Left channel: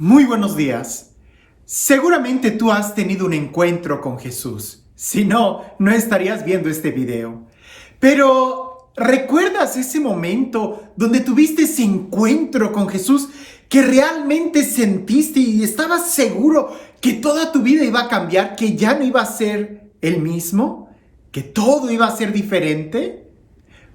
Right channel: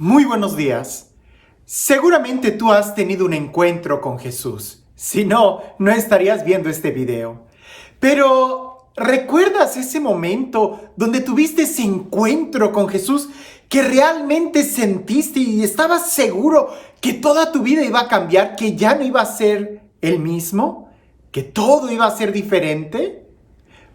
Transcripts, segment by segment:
Muy buenos días. Seguramente tú has tenido un encuentro con Jesús. Si no, no estarías viendo este video. Pero, ¿recuerdas ese momento donde tuviste ese encuentro con Jesús que realmente sentiste y estabas seguro que toda tu vida iba a cambiar, que ya no iba a ser el mismo, que todo iba a ser diferente?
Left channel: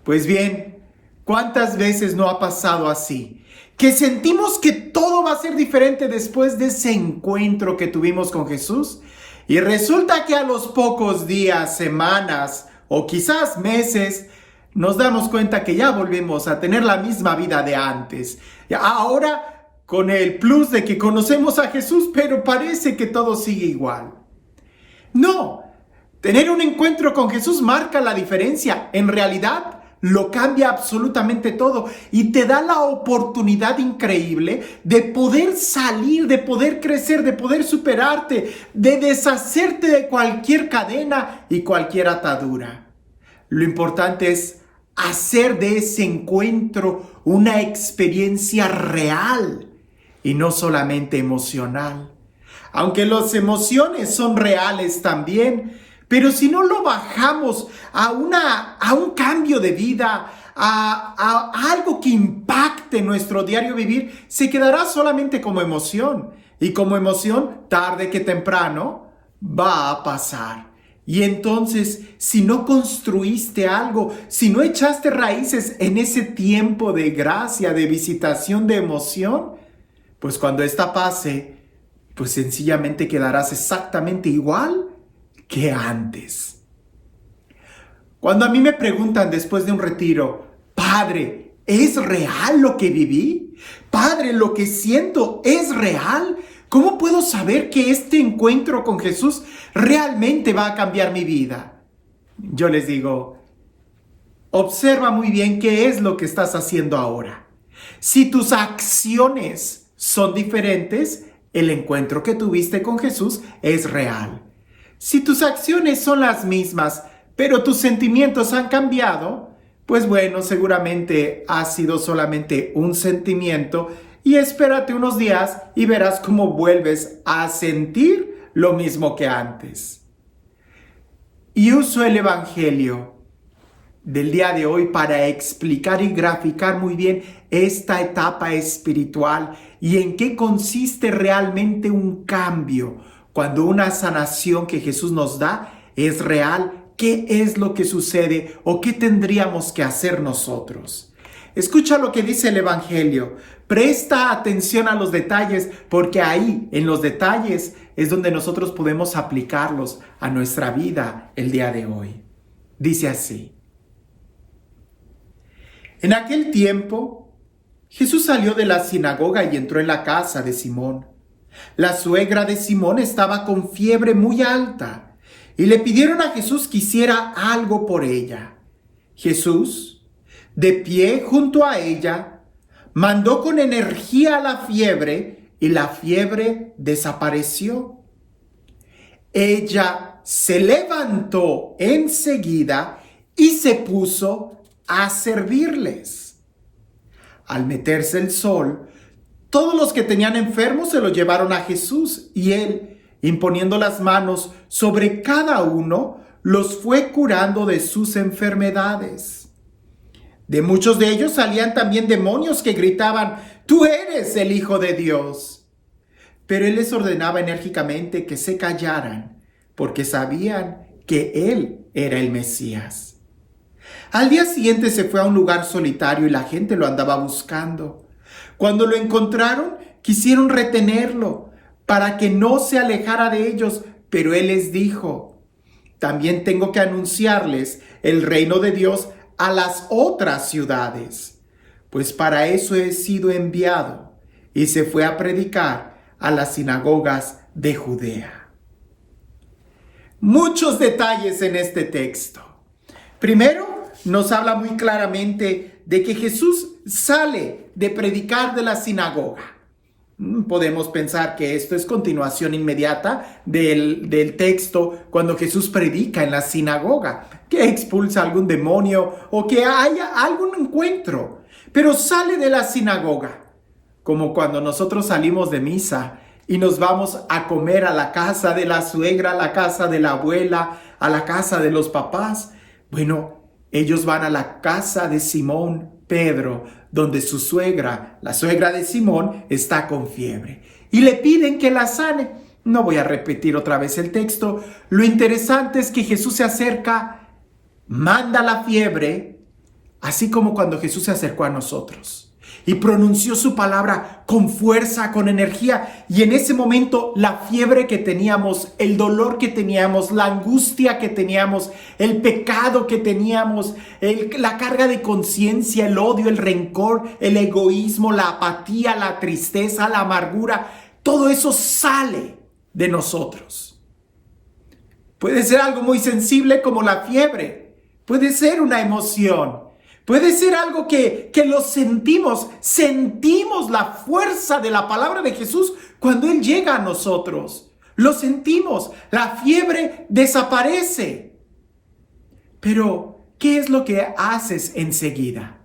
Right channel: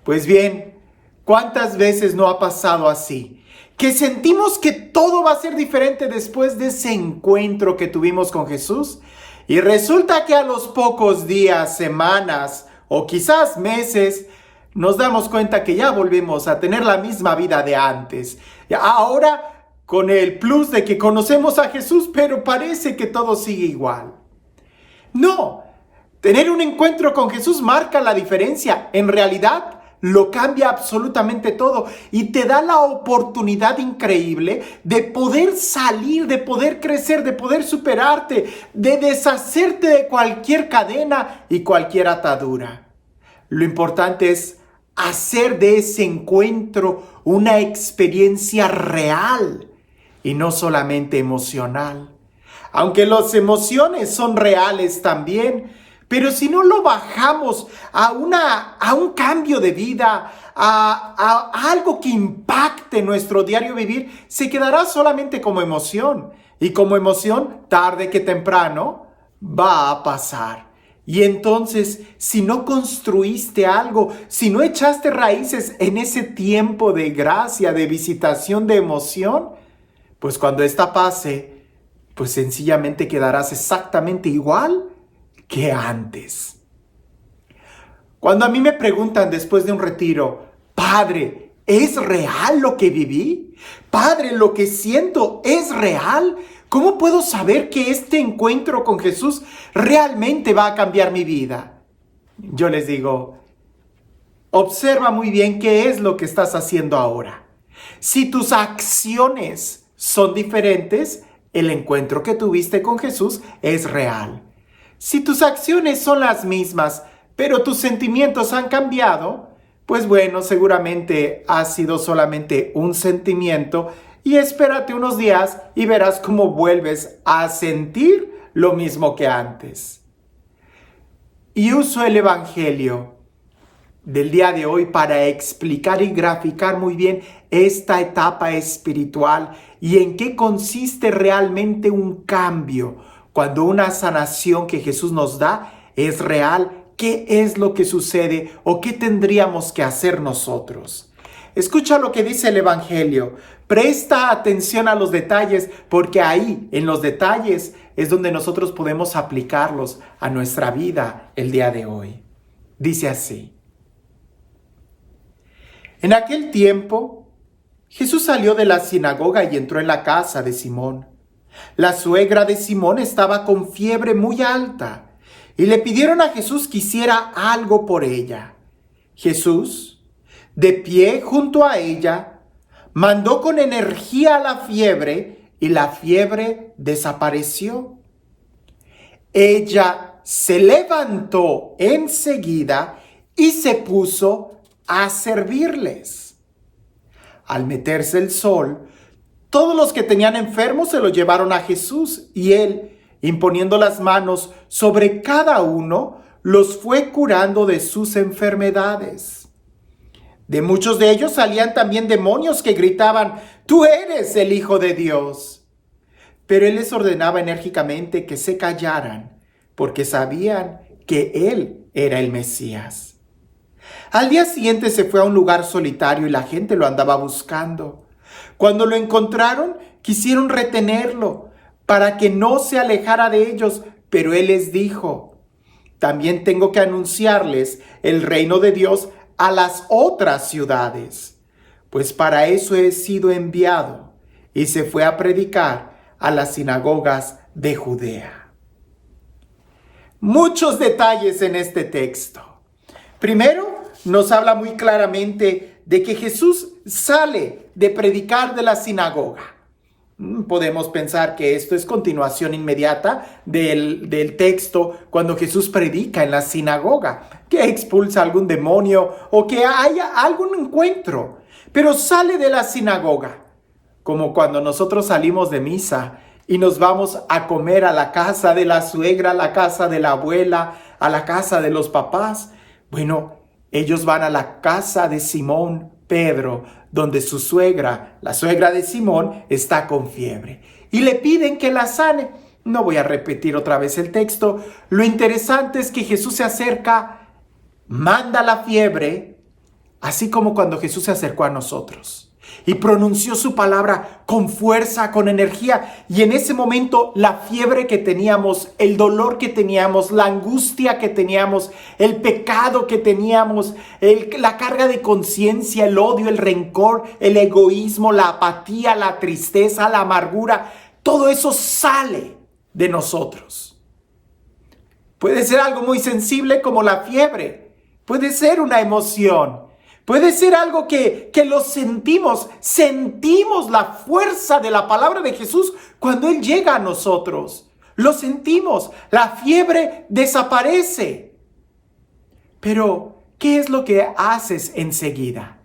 Pues bien, ¿cuántas veces no ha pasado así? Que sentimos que todo va a ser diferente después de ese encuentro que tuvimos con Jesús. Y resulta que a los pocos días, semanas o quizás meses, nos damos cuenta que ya volvemos a tener la misma vida de antes. Ahora con el plus de que conocemos a Jesús, pero parece que todo sigue igual. No, tener un encuentro con Jesús marca la diferencia. En realidad, lo cambia absolutamente todo y te da la oportunidad increíble de poder salir, de poder crecer, de poder superarte, de deshacerte de cualquier cadena y cualquier atadura. Lo importante es hacer de ese encuentro una experiencia real y no solamente emocional. Aunque las emociones son reales también, pero si no lo bajamos a un cambio de vida, a algo que impacte nuestro diario vivir, se quedará solamente como emoción. Y como emoción, tarde que temprano, va a pasar. Y entonces, si no construiste algo, si no echaste raíces en ese tiempo de gracia, de visitación, de emoción, pues cuando esta pase, pues sencillamente quedarás exactamente igual que antes. Cuando a mí me preguntan después de un retiro, Padre, ¿es real lo que viví? Padre, ¿lo que siento es real? ¿Cómo puedo saber que este encuentro con Jesús realmente va a cambiar mi vida? Yo les digo, observa muy bien qué es lo que estás haciendo ahora. Si tus acciones son diferentes, el encuentro que tuviste con Jesús es real. Si tus acciones son las mismas, pero tus sentimientos han cambiado, pues bueno, seguramente ha sido solamente un sentimiento y espérate unos días y verás cómo vuelves a sentir lo mismo que antes. Y uso el Evangelio del día de hoy para explicar y graficar muy bien esta etapa espiritual y en qué consiste realmente un cambio. Cuando una sanación que Jesús nos da es real, ¿qué es lo que sucede o qué tendríamos que hacer nosotros? Escucha lo que dice el Evangelio. Presta atención a los detalles, porque ahí, en los detalles, es donde nosotros podemos aplicarlos a nuestra vida el día de hoy. Dice así. En aquel tiempo, Jesús salió de la sinagoga y entró en la casa de Simón. La suegra de Simón estaba con fiebre muy alta y le pidieron a Jesús que hiciera algo por ella. Jesús, de pie junto a ella, mandó con energía a la fiebre y la fiebre desapareció. Ella se levantó enseguida y se puso a servirles. Al meterse el sol, todos los que tenían enfermos se los llevaron a Jesús y él, imponiendo las manos sobre cada uno, los fue curando de sus enfermedades. De muchos de ellos salían también demonios que gritaban, «Tú eres el Hijo de Dios». Pero él les ordenaba enérgicamente que se callaran, porque sabían que él era el Mesías. Al día siguiente se fue a un lugar solitario y la gente lo andaba buscando. Cuando lo encontraron, quisieron retenerlo para que no se alejara de ellos, pero él les dijo, también tengo que anunciarles el reino de Dios a las otras ciudades, pues para eso he sido enviado. Y se fue a predicar a las sinagogas de Judea. Muchos detalles en este texto. Primero, nos habla muy claramente de que Jesús sale de predicar de la sinagoga. Podemos pensar que esto es continuación inmediata del texto cuando Jesús predica en la sinagoga, que expulsa algún demonio o que haya algún encuentro, pero sale de la sinagoga. como cuando nosotros salimos de misa y nos vamos a comer a la casa de la suegra, a la casa de la abuela, a la casa de los papás. Bueno, ellos van a la casa de Simón Pedro, donde su suegra, la suegra de Simón, está con fiebre. Y le piden que la sane. No voy a repetir otra vez el texto. Lo interesante es que Jesús se acerca, manda la fiebre, así como cuando Jesús se acercó a nosotros y pronunció su palabra con fuerza, con energía. Y en ese momento la fiebre que teníamos, el dolor que teníamos, la angustia que teníamos, el pecado que teníamos, la carga de conciencia, el odio, el rencor, el egoísmo, la apatía, la tristeza, la amargura, todo eso sale de nosotros. Puede ser algo muy sensible como la fiebre, puede ser una emoción, puede ser algo que lo sentimos la fuerza de la palabra de Jesús cuando Él llega a nosotros. Lo sentimos, la fiebre desaparece. Pero, ¿qué es lo que haces enseguida?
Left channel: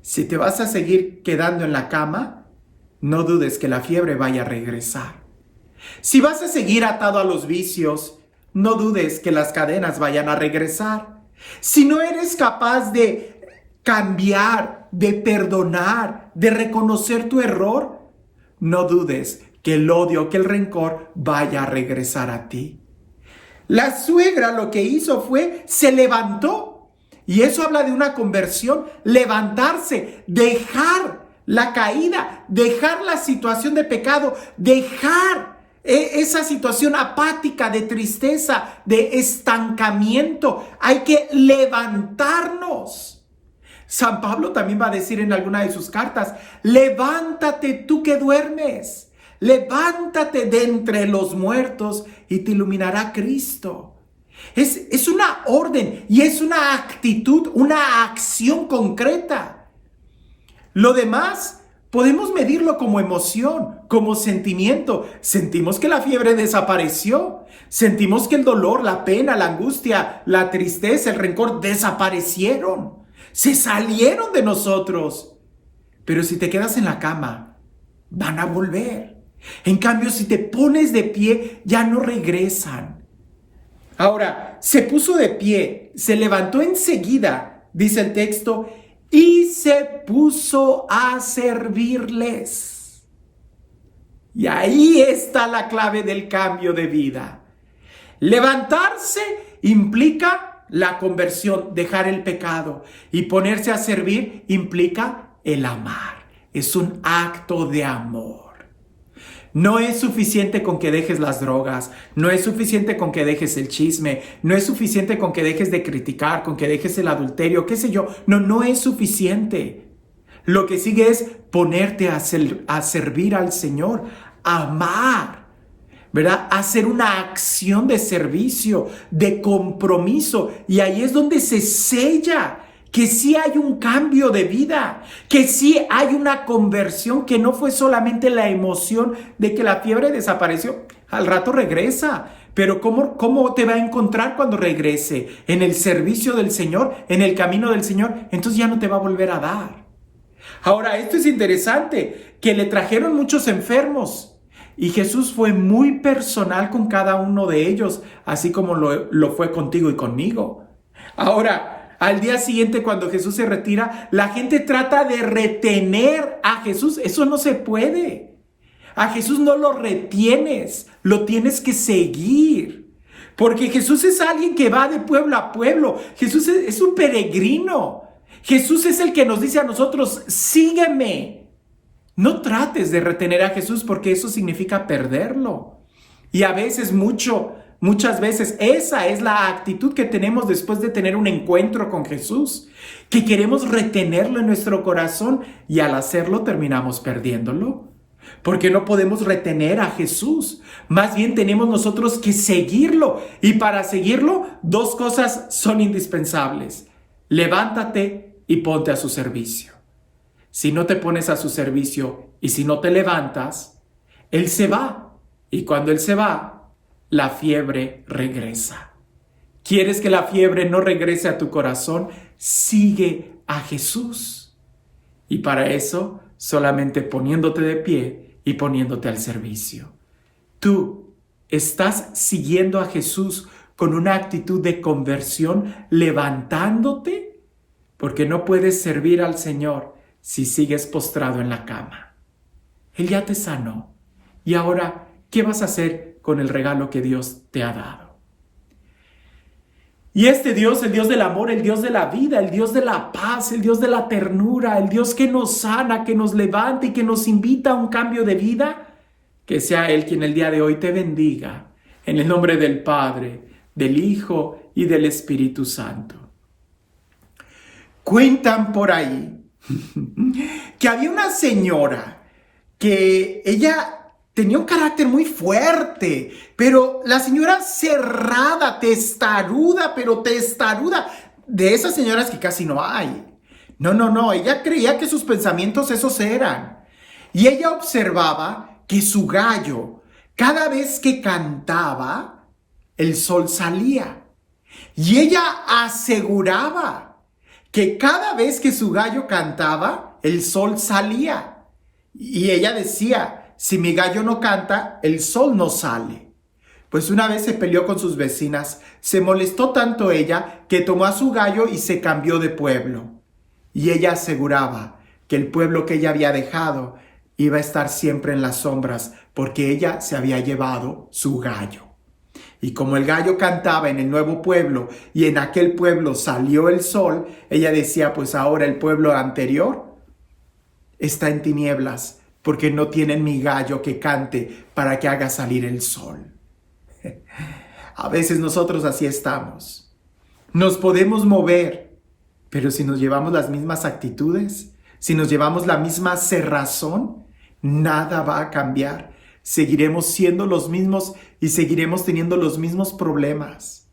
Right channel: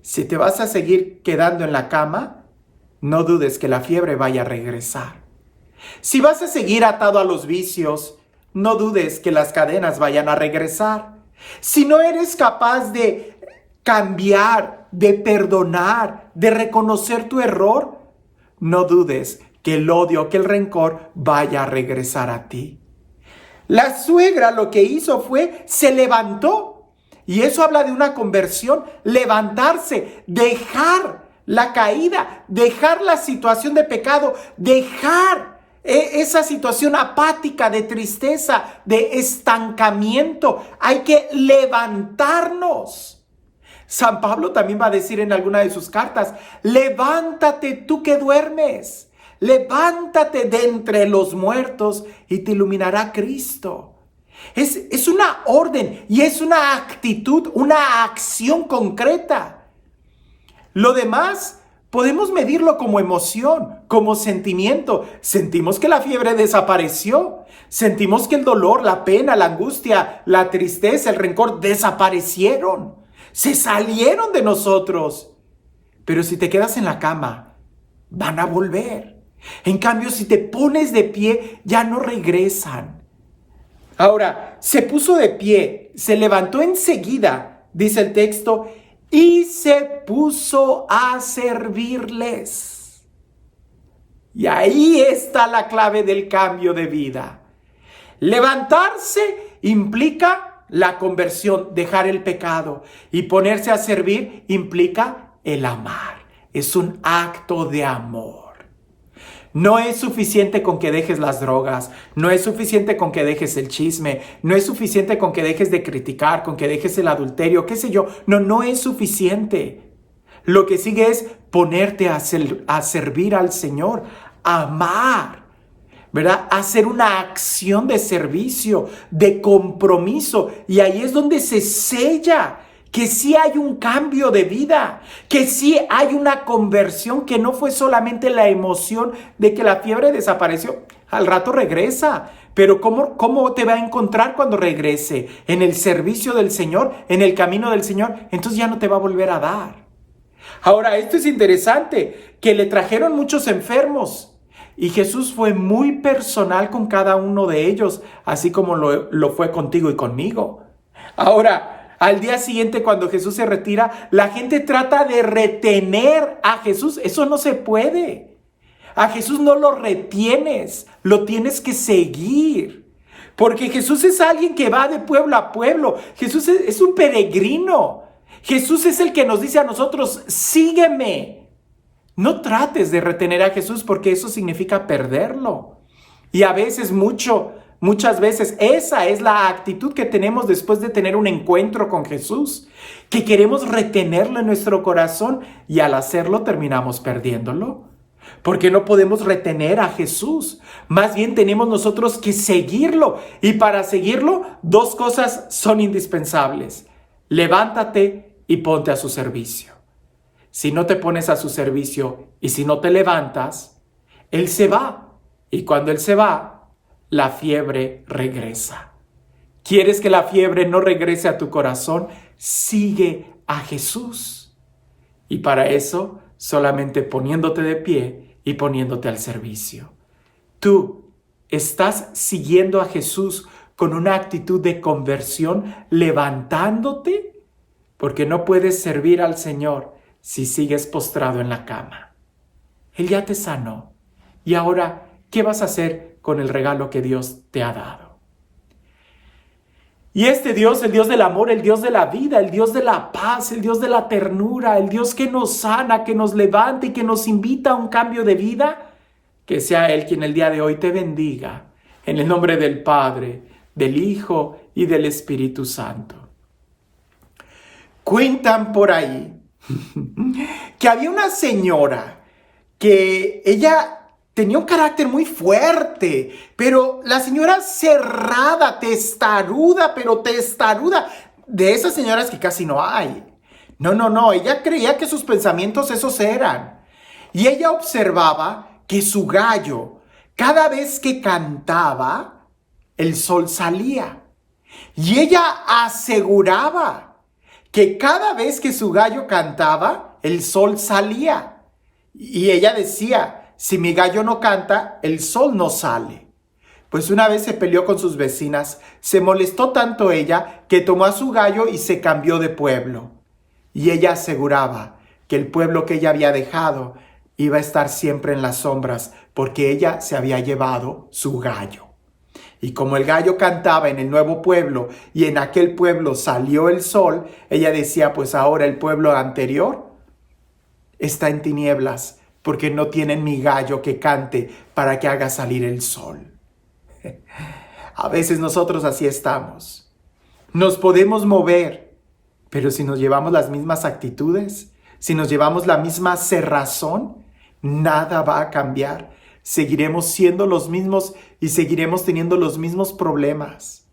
Si te vas a seguir quedando en la cama, no dudes que la fiebre vaya a regresar. Si vas a seguir atado a los vicios, no dudes que las cadenas vayan a regresar. Si no eres capaz de cambiar, de perdonar, de reconocer tu error, no dudes que el odio, que el rencor vaya a regresar a ti. La suegra lo que hizo fue, se levantó. Y eso habla de una conversión, levantarse, dejar la caída, dejar la situación de pecado, dejar esa situación apática, de tristeza, de estancamiento. Hay que levantarnos. San Pablo también va a decir en alguna de sus cartas, levántate tú que duermes, levántate de entre los muertos y te iluminará Cristo. Es una orden y es una actitud, una acción concreta. Lo demás podemos medirlo como emoción, como sentimiento. Sentimos que la fiebre desapareció. Sentimos que el dolor, la pena, la angustia, la tristeza, el rencor desaparecieron. Se salieron de nosotros. Pero si te quedas en la cama, van a volver. En cambio, si te pones de pie, ya no regresan. Ahora, se puso de pie, se levantó enseguida, dice el texto, y se puso a servirles. Y ahí está la clave del cambio de vida. Levantarse implica la conversión, dejar el pecado. Y ponerse a servir implica el amar. Es un acto de amor. No es suficiente con que dejes las drogas, no es suficiente con que dejes el chisme, no es suficiente con que dejes de criticar, con que dejes el adulterio, qué sé yo. No es suficiente. Lo que sigue es ponerte a servir al Señor, amar, ¿verdad? Hacer una acción de servicio, de compromiso. Y ahí es donde se sella que sí hay un cambio de vida, que sí hay una conversión, que no fue solamente la emoción de que la fiebre desapareció. Al rato regresa, pero ¿cómo te va a encontrar cuando regrese? En el servicio del Señor, en el camino del Señor, entonces ya no te va a volver a dar. Ahora, esto es interesante, que le trajeron muchos enfermos y Jesús fue muy personal con cada uno de ellos, así como lo fue contigo y conmigo. Ahora, al día siguiente, cuando Jesús se retira, la gente trata de retener a Jesús. Eso no se puede. A Jesús no lo retienes, lo tienes que seguir. Porque Jesús es alguien que va de pueblo a pueblo. Jesús es un peregrino. Jesús es el que nos dice a nosotros, sígueme. No trates de retener a Jesús porque eso significa perderlo. Y a veces muchas veces esa es la actitud que tenemos después de tener un encuentro con Jesús, que queremos retenerlo en nuestro corazón y al hacerlo terminamos perdiéndolo, porque no podemos retener a Jesús. Más bien tenemos nosotros que seguirlo, y para seguirlo 2 cosas son indispensables: levántate y ponte a su servicio. Si no te pones a su servicio y si no te levantas, Él se va, y cuando Él se va, la fiebre regresa. ¿Quieres que la fiebre no regrese a tu corazón? Sigue a Jesús. Y para eso solamente poniéndote de pie y poniéndote al servicio. Tú estás siguiendo a Jesús con una actitud de conversión, levantándote, porque no puedes servir al Señor si sigues postrado en la cama. Él ya te sanó. Y ahora, ¿qué vas a hacer con el regalo que Dios te ha dado? Y este Dios, el Dios del amor, el Dios de la vida, el Dios de la paz, el Dios de la ternura, el Dios que nos sana, que nos levanta y que nos invita a un cambio de vida, que sea Él quien el día de hoy te bendiga. En el nombre del Padre, del Hijo y del Espíritu Santo. Cuentan por ahí que había una señora que ella tenía un carácter muy fuerte, pero la señora cerrada, testaruda, pero testaruda, de esas señoras que casi no hay. No, ella creía que sus pensamientos esos eran. Y ella observaba que su gallo, cada vez que cantaba, el sol salía. Y ella aseguraba que cada vez que su gallo cantaba, el sol salía. Y ella decía, si mi gallo no canta, el sol no sale. Pues una vez se peleó con sus vecinas, se molestó tanto ella que tomó a su gallo y se cambió de pueblo. Y ella aseguraba que el pueblo que ella había dejado iba a estar siempre en las sombras porque ella se había llevado su gallo. Y como el gallo cantaba en el nuevo pueblo y en aquel pueblo salió el sol, ella decía, pues ahora el pueblo anterior está en tinieblas, porque no tienen mi gallo que cante para que haga salir el sol. A veces nosotros así estamos. Nos podemos mover, pero si nos llevamos las mismas actitudes, si nos llevamos la misma cerrazón, nada va a cambiar. Seguiremos siendo los mismos y seguiremos teniendo los mismos problemas.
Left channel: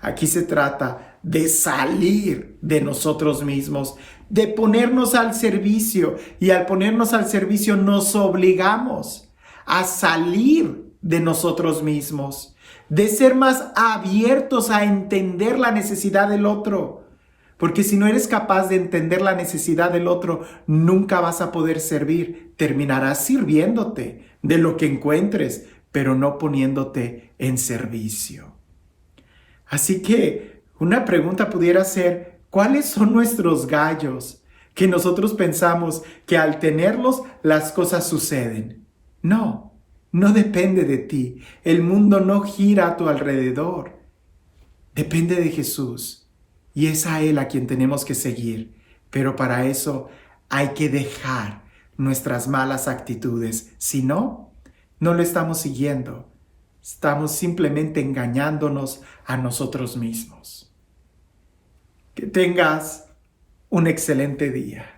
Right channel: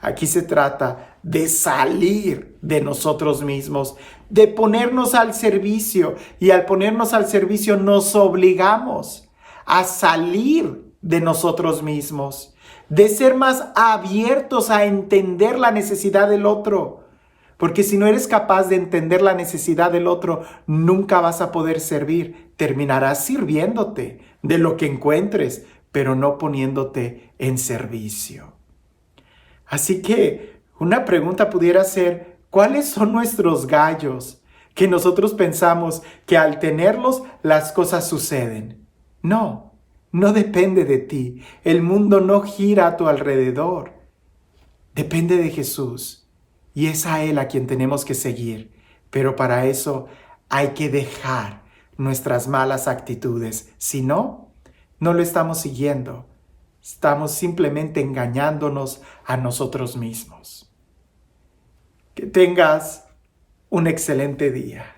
Aquí se trata de salir de nosotros mismos, de ponernos al servicio, y al ponernos al servicio nos obligamos a salir de nosotros mismos, de ser más abiertos a entender la necesidad del otro, porque si no eres capaz de entender la necesidad del otro, nunca vas a poder servir, terminarás sirviéndote de lo que encuentres, pero no poniéndote en servicio. Así que una pregunta pudiera ser, ¿cuáles son nuestros gallos que nosotros pensamos que al tenerlos las cosas suceden? No depende de ti. El mundo no gira a tu alrededor. Depende de Jesús y es a Él a quien tenemos que seguir. Pero para eso hay que dejar nuestras malas actitudes. Si no lo estamos siguiendo. Estamos simplemente engañándonos a nosotros mismos. Que tengas un excelente día.